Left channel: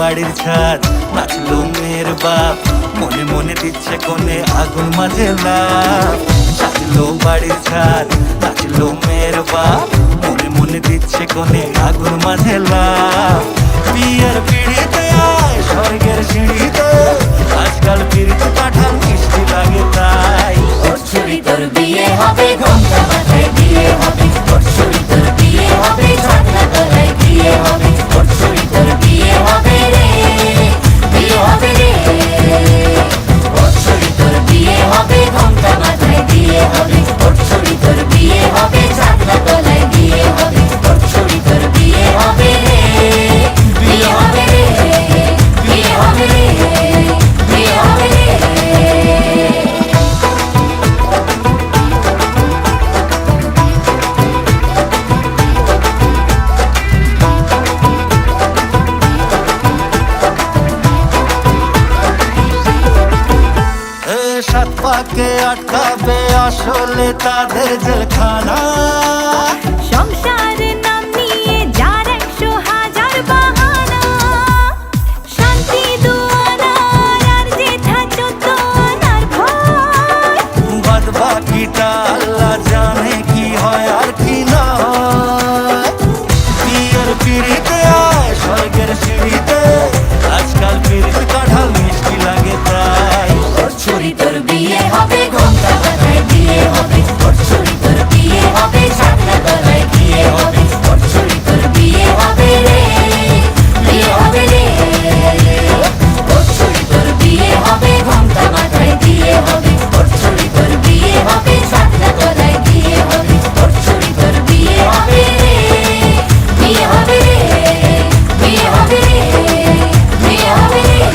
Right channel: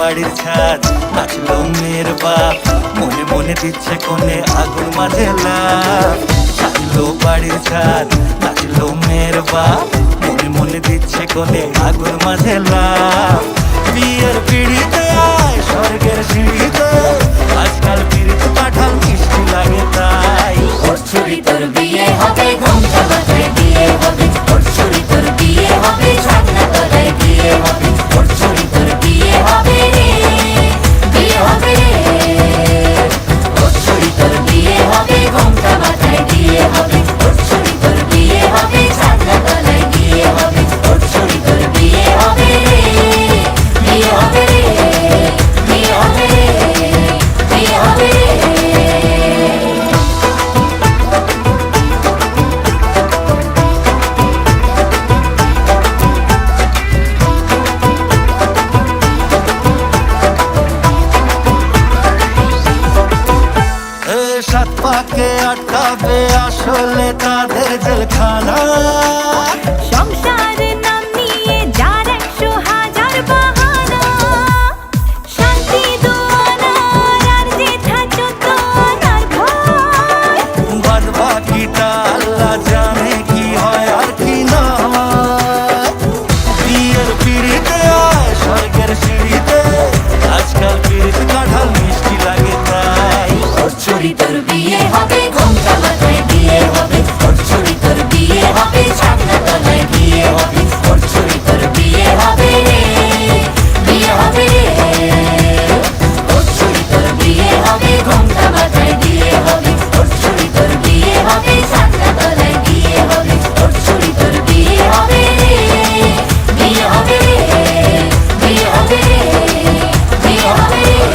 বাড়ির ছাদ, নাচলো মেয়ের বাপ, মনে মনে দিচ্ছে কোণে আগুন মাঝে লাভ। সাজলো বাড়ির ছাদ, নাচলো মেয়ের বাপ, মনে মনে দিচ্ছে কোণে আগুন মাঝে লাভ। বিয়ের পিড়িতে আয় স্বর্গের সিঁড়িতে, আজকাল পিড়িত কাঁঠাল মিষ্টি লাগে তাই। ওর ছুরি তোর বিয়ে হবে, ঘোমটা মাথায় বিয়ে হবে। ওর ছুরি তোর বিয়ে হবে, ছাগনা তলায় বিয়ে হবে। ওর ছুরি তোর বিয়ে হবে রে, বিয়ে হবে রে। ওর ছুরি তোর বিয়ে হবে, ঘোমটা মাথায় বিয়ে হবে। ওর ছুরি তোর বিয়ে হবে, ছাগনা তলায় বিয়ে হবে। ওর ছুরি তোর বিয়ে হবে রে, বিয়ে হবে রে, বিয়ে হবে রে, বিয়ে হবে রে। সাত পাকে আটকাবে আসলে তাদের জেলখানা। সংসারের নাম নিয়ে যার 100,000 বাহানা, শান্তি দুয়ানার আর যেথা চোদ্দ আনার ভয়। বাদ বাকিটা আল্লাহ জানে কি হয় আর কি না হয়। বিয়ের পিড়িতে আয় স্বর্গের সিঁড়িতে, আজকাল পিড়িত কাঁঠাল মিষ্টি লাগে তাই। ওর ছুরি তোর বিয়ে হবে, ঘোমটা মাথায় বিয়ে হবে। ওর ছুরি তোর বিয়ে হবে, ছাগনা তলায় বিয়ে হবে। ওর ছুরি তোর বিয়ে হবে রে, বিয়ে হবে রে। ওর ছুরি তোর বিয়ে হবে, ঘোমটা মাথায় বিয়ে হবে। ওর ছুরি তোর বিয়ে হবে, ছাগনা তলায় বিয়ে হবে। ওর ছুরি তোর বিয়ে হবে রে, বিয়ে হবে রে, বিয়ে হবে রে, বিয়ে হবে রে।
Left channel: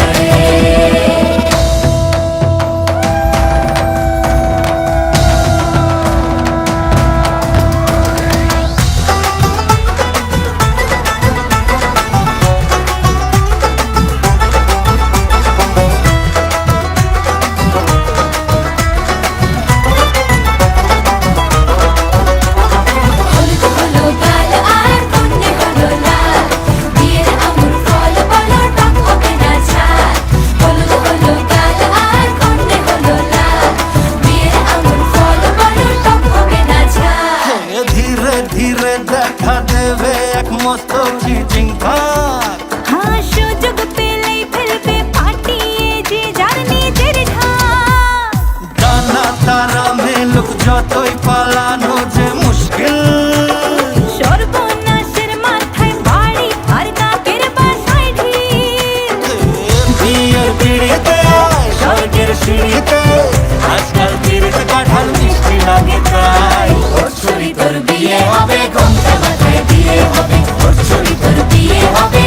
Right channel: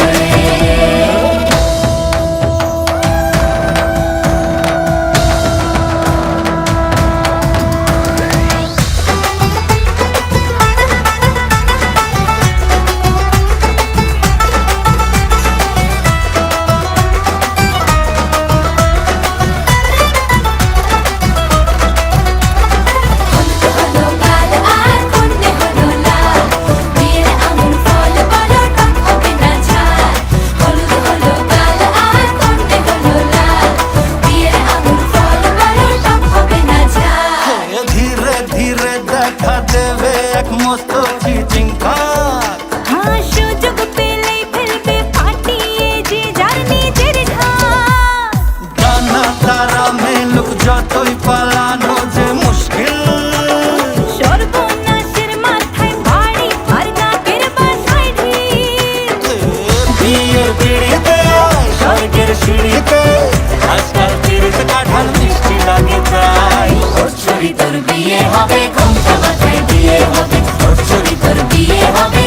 ধীরে ধীরে দেখা দেবে এক মস্ত চিচিং খাক। হ্যাঁ, সুযোগ পেলেই ফেলবে ফাটিয়ে যে যার নিজের ঢাক। ডানা তারা মেলুক যতই পালানো যে মুশকিল। সর্বনাশের মাথায় বাড়ি আর কাকের বাসায় ঢিল। বিয়ের পিড়িতে আয় স্বর্গের সিঁড়িতে, আজকাল পিড়িত কাঁঠাল মিষ্টি লাগে তাই। ওর ছুরি তোর বিয়ে হবে, ঘোমটা মাথায় বিয়ে হবে। ওর ছুরি তোর বিয়ে হবে